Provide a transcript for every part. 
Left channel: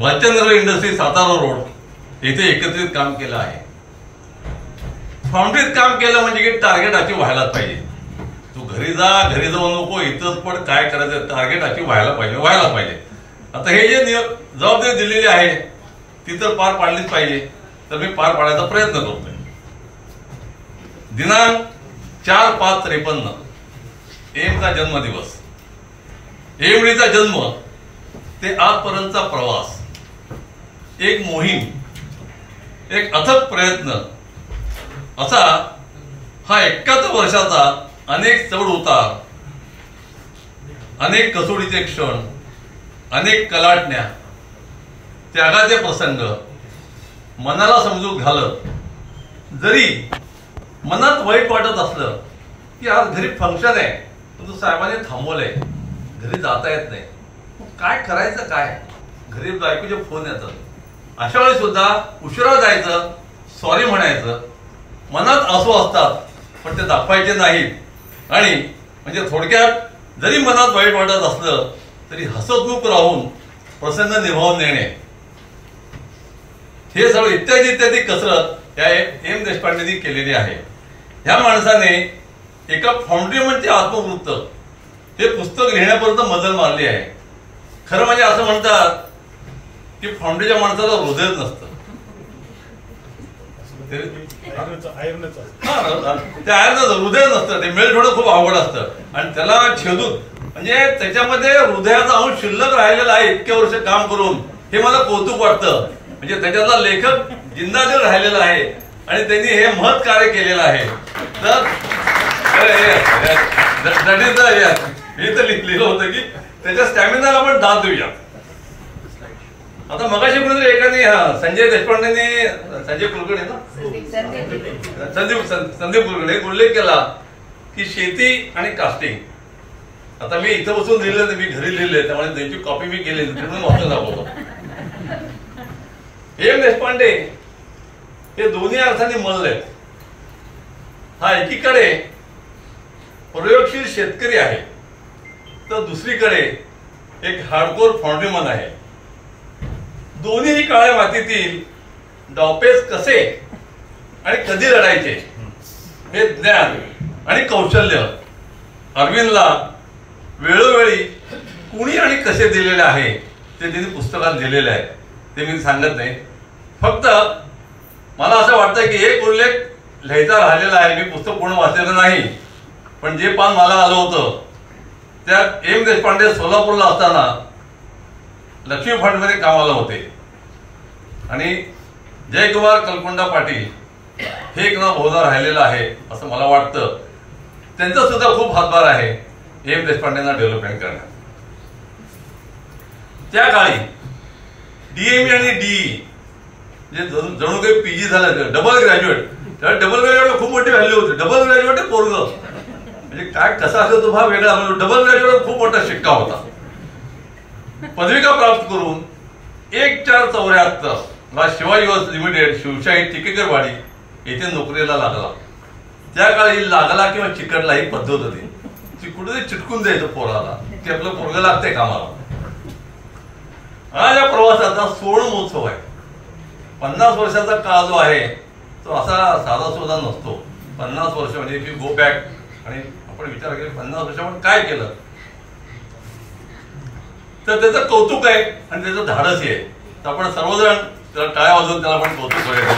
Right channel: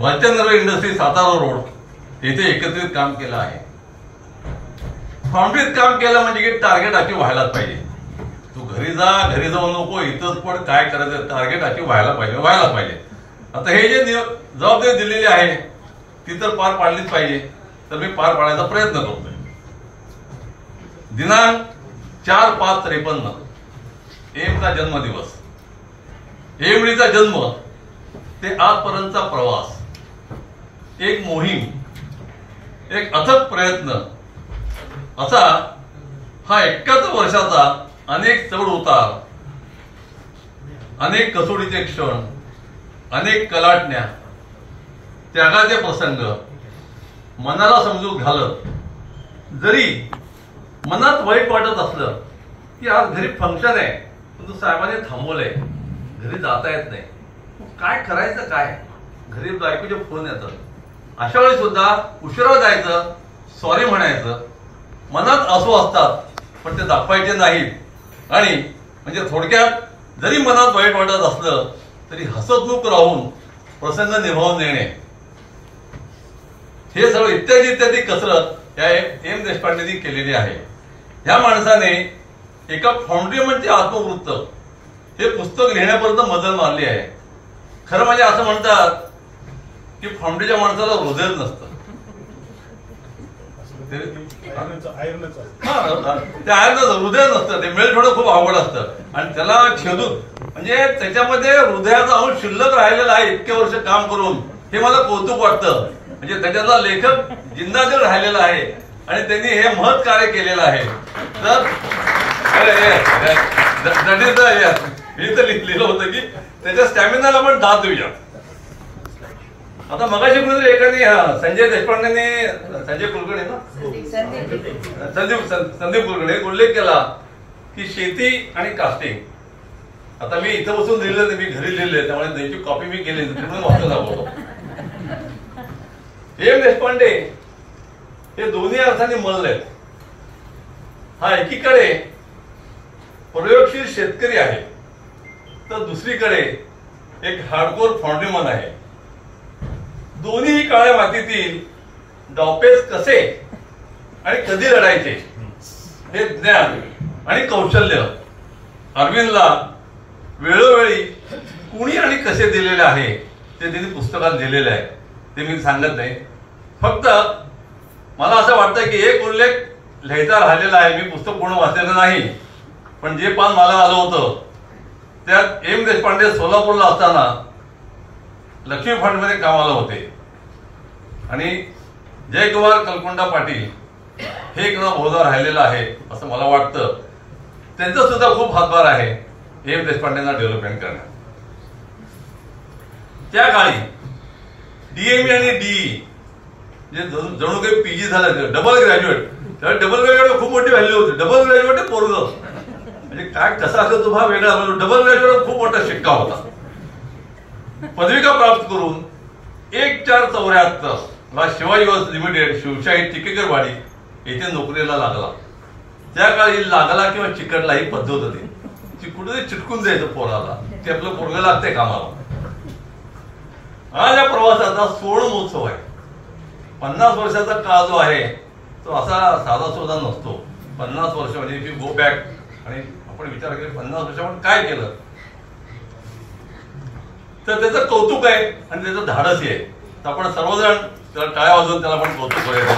Bhalchandra industry Satara road येथे एकत्रित काम केलं आहे. फाउंड्रीत काम केलं म्हणजे की टार्गेट अचीव व्हायलाच पाहिजे. तू घरी जाऊ नको, इथंच पण काय करायचं, टार्गेट अचीव व्हायला पाहिजे. आता हे जे जबाबदारी दिलेली आहे ती तर पार पाडलीच पाहिजे. तर मी पार पाडायचा प्रयत्न करतोय. दिनांक 4/5/53 एमचा जन्मदिवस, एमडीचा जन्म ते आजपर्यंतचा प्रवास, एक मोहीम, एक अथक प्रयत्न, असा हा 71 वर्षाचा अनेक चढ उतार, अनेक कसोडीचे क्षण, अनेक कलाटण्या, त्यागाचे प्रसंग मनाला समजून घालत, जरी मनात वाईट वाटत असलं की आज घरी फंक्शन आहे, परंतु साहेबांनी थांबवलंय, घरी जाता येत नाही, काय करायचं, काय घरी बायकोचे फोन येतात, अशा वेळी सुद्धा उशिरा जायचं, सॉरी म्हणायचं. मनात आसू असतात पण ते दाखवायचे नाहीत. आणि म्हणजे थोडक्यात जरी मनात वाईट वाटत असलं तरी हसतमुख राहून प्रसंग निभावून नेणे, हे सगळं इत्यादी इत्यादी कसरत या एम देशपांडेंनी केलेली आहे. ह्या माणसाने एका फाउंड्रीमनचे आत्मवृत्त हे पुस्तक लिहिण्यापर्यंत मजल मारली आहे. खरं म्हणजे असं म्हणतात की फाउंड्रीच्या माणसाला हृदयच नसतं. त्या आयर्नचं हृदय नसतं, ते मेळ थोडं खूप अवघड असतं. आणि त्याला छेदून म्हणजे त्याच्यामध्ये हृदयाचा अंश शिल्लक राहिलेला आहे इतके वर्ष काम करून, हे मला कौतुक वाटतं. म्हणजे त्याच्यातला लेखक जिंदादिल राहिलेला आहे आणि त्यांनी हे महत् कार्य केलेलं आहे. तर हे तर लिहिलं होतं की त्याच्या स्टॅमिनाला पण दाद देऊया. आता मगाशी कुठेतरी एकाने संजय देशपांडेंनी, संजय कुलकर्णी ना, संदीप कुलकर्णी उल्लेख केला की शेती आणि कास्टिंग. आता मी इथं बसून लिहिलं, मी घरी लिहिले, त्यामुळे त्यांची कॉपी मी केली, म्हणून वाचून दाखवतो. एम देशपांडे हे दोन्ही अर्थाने मल्ल आहेत. हा एकीकडे प्रयोगशील शेतकरी आहे, तर दुसरीकडे एक हार्डकोर फाउंड्रीमन आहे. दोन्ही काळ्या मातीतील डावपेच कसे आणि कधी लढायचे हे ज्ञान आणि कौशल्य अरविंदला वेळोवेळी कुणी आणि कसे दिलेले आहे ते त्यांनी पुस्तकात दिलेले आहे. ते मी सांगत नाही. फक्त मला असं वाटतं की एक उल्लेख लिहायचा राहिलेला आहे. मी पुस्तक पूर्ण वाचलेलं नाही, पण जे पान मला आलं होतं त्यात एम देशपांडे सोलापूरला असताना लक्ष्मी फंडमध्ये कामाला होते आणि जयकुमार कलकुंडा पाटील हे एक नाव बहुधा राहिलेलं आहे असं मला वाटतं. त्यांचा सुद्धा खूप हातभार आहे एम देशपांडेंना डेव्हलपमेंट करण्यात. त्या काळी डीएमई आणि डीई जे जणू काही पीजी झालं, डबल ग्रॅज्युएट, त्या डबल ग्रॅज्युएट खूप मोठी व्हॅल्यू होती. डबल ग्रॅज्युएट पोरग म्हणजे काय कसा असेल तो हा वेगळा, म्हणजे डबल ग्रॅज्युएट खूप मोठा शिक्का होता. पदविका प्राप्त करून 1474 ला शिवाजी लिमिटेड शिवशाही टिकेकरवाडी येथे नोकरीला लागला. त्या काळी लागला किंवा चिकटला ही पद्धत होती. कुठेतरी चिटकून द्यायचं पोराला की आपलं पोरग लागतंय कामाला. आज या प्रवासाचा सुवर्ण महोत्सव आहे. 50 वर्षाचा काळ जो आहे तो असा साधा सुद्धा नसतो. 50 वर्ष म्हणजे की गो बॅक, आणि आपण विचार केला 50 वर्षामध्ये काय केलं, तर त्याचं कौतुक आहे आणि त्याचं धाडसही आहे. तर आपण सर्वजण त्याला टाळ्या वाजवून त्याला आपण कौतुक करायचं.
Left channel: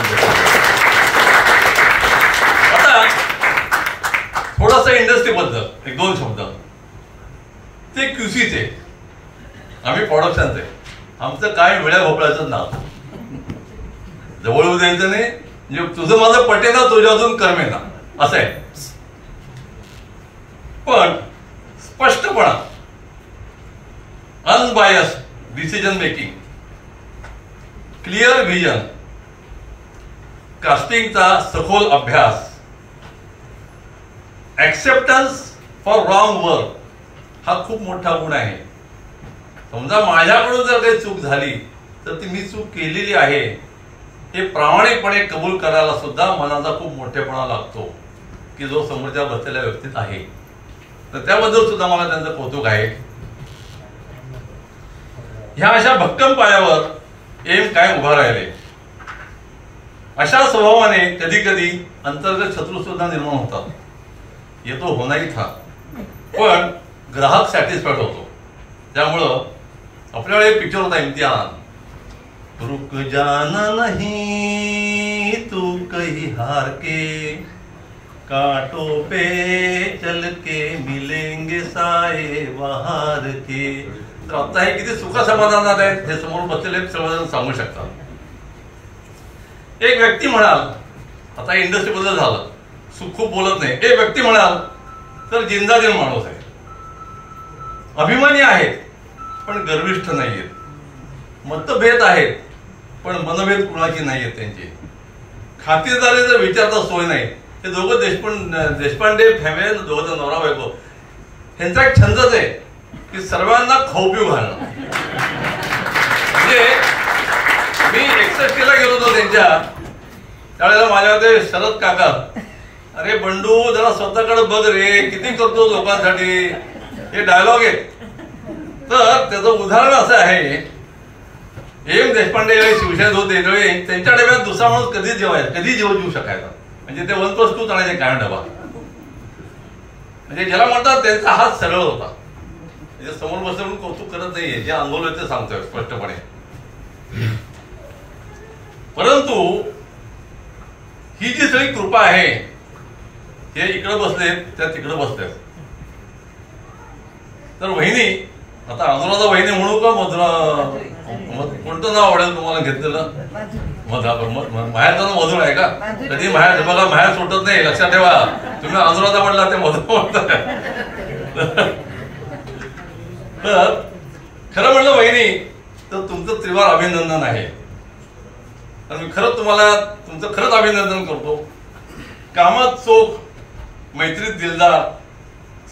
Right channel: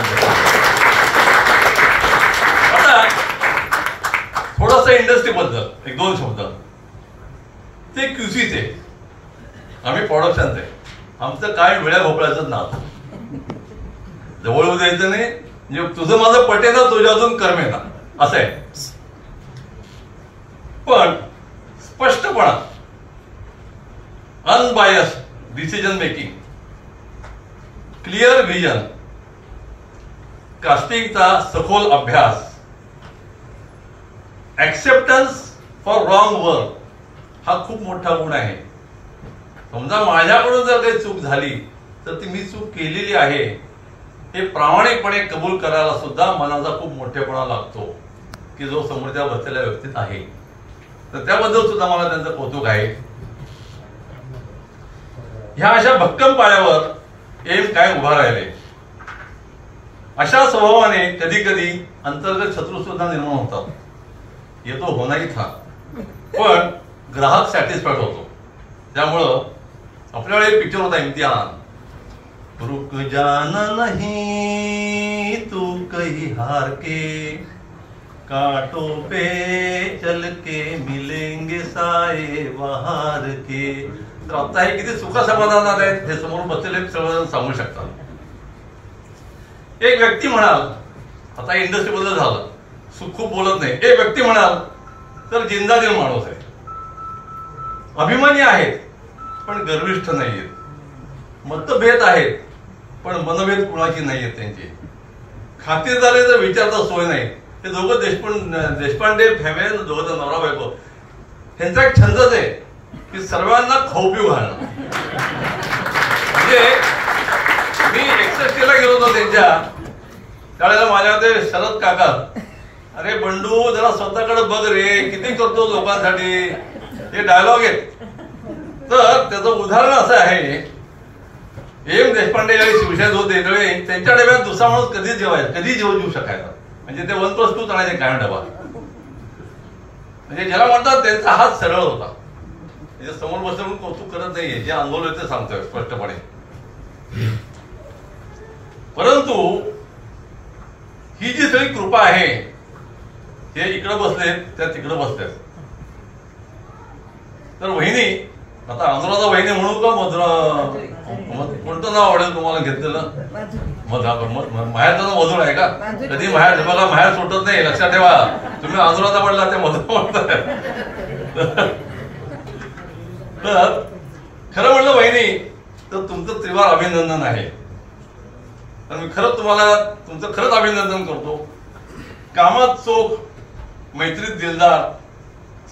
आता थोडस इंडस्ट्री बद्दल एक दोन शब्द. ते क्यूसीचे, आम्ही प्रोडक्शनचे, आमचं काय वेळ्या भोपळ्याचं नाव जवळ द्यायचं नाही. म्हणजे तुझं माझं पटेना, तुझ्या अजून कर्मेना असं आहे. पण स्पष्टपणा, unbiased decision making, clear vision, कास्टिंगचा सखोल अभ्यास, ऍक्सेप्टन्स फॉर रॉंग वर्क हा खूप मोठा गुण आहे. समजा माझ्याकडून जर काही चूक झाली तर ती मी चूक केलेली आहे हे प्रामाणिकपणे कबूल करायला सुद्धा मनाचा खूप मोठेपणा लागतो की जो समोरच्या बसलेल्या व्यक्तीत आहे. तर त्याबद्दल सुद्धा मला त्यांचं कौतुक आहे. ह्या अशा भक्कम पायावर एम काय उभा राहिले. अशा स्वभावाने कधी कधी अंतर्गत शत्रू सुद्धा निर्माण होतात. येतो होणारी था, पण ग्राहक सॅटिस्फाईड होतो. त्यामुळं आपल्याला एक पिक्चर होता इम्तिहान, रुक जाना नहीं तू कहीं हार के, कांटों पे चल के मिलेंगे साए बहार के. तर आता हे किती सुख समाधानात आहेत हे समोर बसलेले सर्वजण सांगू शकतात. एक व्यक्ती म्हणाल, आता इंडस्ट्री बद्दल झालं, सुख खूप बोलत नाही. एक व्यक्ती म्हणाल तर जिंदादिल माणूस आहे, अभिमानी आहेत पण गर्विष्ठ नाहीयेत, मतभेद आहेत पण मनभेद कुणाची नाहीयेत त्यांची, खातिरदारीचा विचारता सोय नाही. ते दोघं देशपांडे फॅमिली, दोघं नवरा बायको, त्यांचा एक छंदच आहे की सर्वांना खाऊ पिऊ घालणं. म्हणजे मी 61ला गेलो होतो त्यांच्या त्यावेळेला, माझ्या ते शरद काका, अरे बंडू जरा स्वतःकडे बघ रे, किती करतो लोकांसाठी, हे डायलॉग आहेत. तर त्याचं उदाहरण असं आहे, एम देशपांडे ज्यावेळी शिवसेनेत होते त्यावेळी त्यांच्या डब्यात दुसरा माणूस कधी जेवू शकायचा. म्हणजे ते 1+2 आणायचे काय डबा. म्हणजे ज्याला म्हणतात त्यांचा हात सरळ होता. म्हणजे समोर बसून कौतुक करत नाहीये, जे अनुभव ते सांगतोय स्पष्टपणे. परंतु ही जी सगळी कृपा आहे, हे इकडे बसले त्या तिकडे बसले. तर वहिनी, आता अनुराधा वहिनी म्हणू का मधुरा, कोणतं नाव आवडेल तुम्हाला घेतलेलं? माहेरचं नाव मधुर आहे का? कधी माहेर बघा, माहेर सुटत नाही, लक्षात ठेवा. तुम्ही अनुराधा म्हटला ते मधुर म्हणताय. तर खरं म्हणलं वहिनी तर तुमचं त्रिवार अभिनंदन आहे. तर मी खरंच तुम्हाला तुमचं खरंच अभिनंदन करतो. कामात चोख, मैत्रीत दिलदार,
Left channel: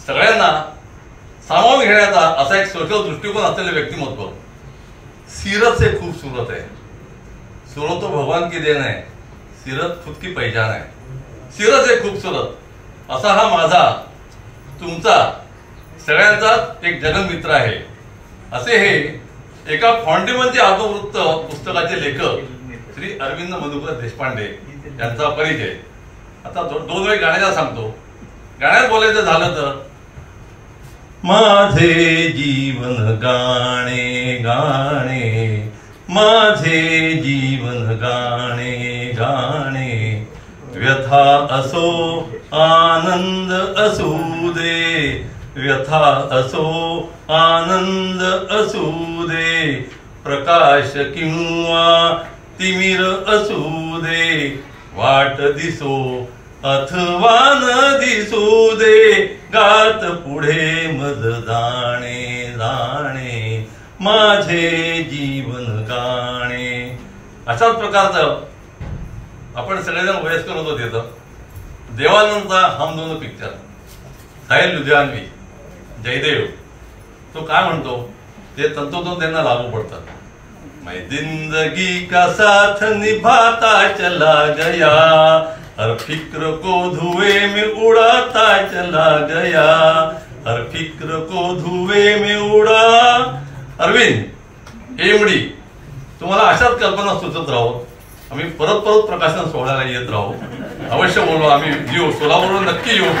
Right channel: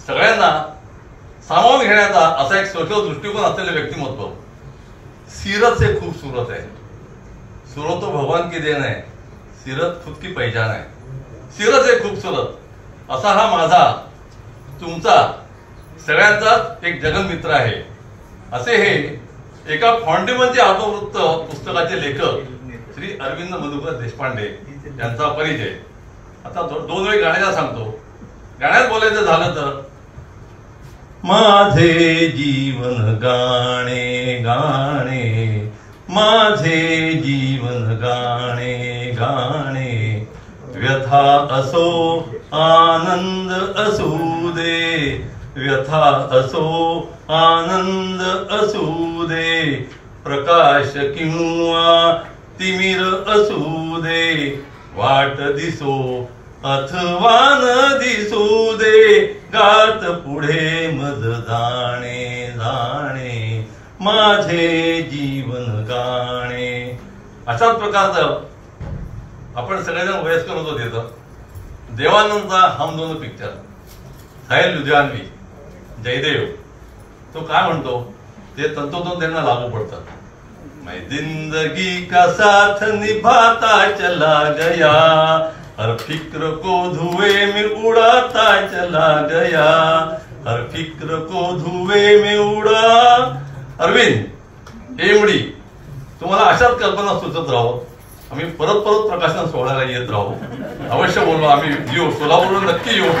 सगळ्यांना सामावून घेण्याचा असा एक सोशल दृष्टिकोन असलेले व्यक्तिमत्व. सीरत से खूबसूरत है, सूरत तो भगवान की देन है, सीरत खुद की पहचान है. सीरत से खूबसूरत असा हा माझा तुमचा सगळ्यांचा एक जगमित्र आहे. असे हे एका फॉन्टिमनचे आत्मवृत्त पुस्तकाचे लेखक श्री अरविंद मधुकर देशपांडे यांचा परिचय. आता 2 वेळ गाण्याला सांगतो. गाण्यात बोलायचं झालं तर, माझे जीवन गाणे गाणे, माझे जीवन गाणे गाणे, व्यथा असो आनंद असू दे, व्यथा असो आनंद असू दे, प्रकाश किंवा तिमिर असू दे, वाट दिसो अथवा न दिसू दे, गात पुढे मज जाणे जाणे, माझे जीवन गाणे. अशाच प्रकारचं आपण सगळेजण वयस्कर होतो तिथं. देवानंदचा हम दोन पिक्चर, साहिल लुधियानवी, जयदेव, तो काय म्हणतो ते तंतोतंत त्यांना लागू पडतात. मैं जिंदगी का साथ निभाता चला गया, हर फिक्र को धुएं में उड़ाता चला गया, हर फिक्र को धुएं में उड़ा. अरविंद हेमडी, तुम्हाला अशाच कल्पना सुचत राहू. आम्ही परत प्रकाशन सोहळ्याला येत राहू. अवश्य बोलू, आम्ही येऊ, सोलापूरहून नक्की येऊ.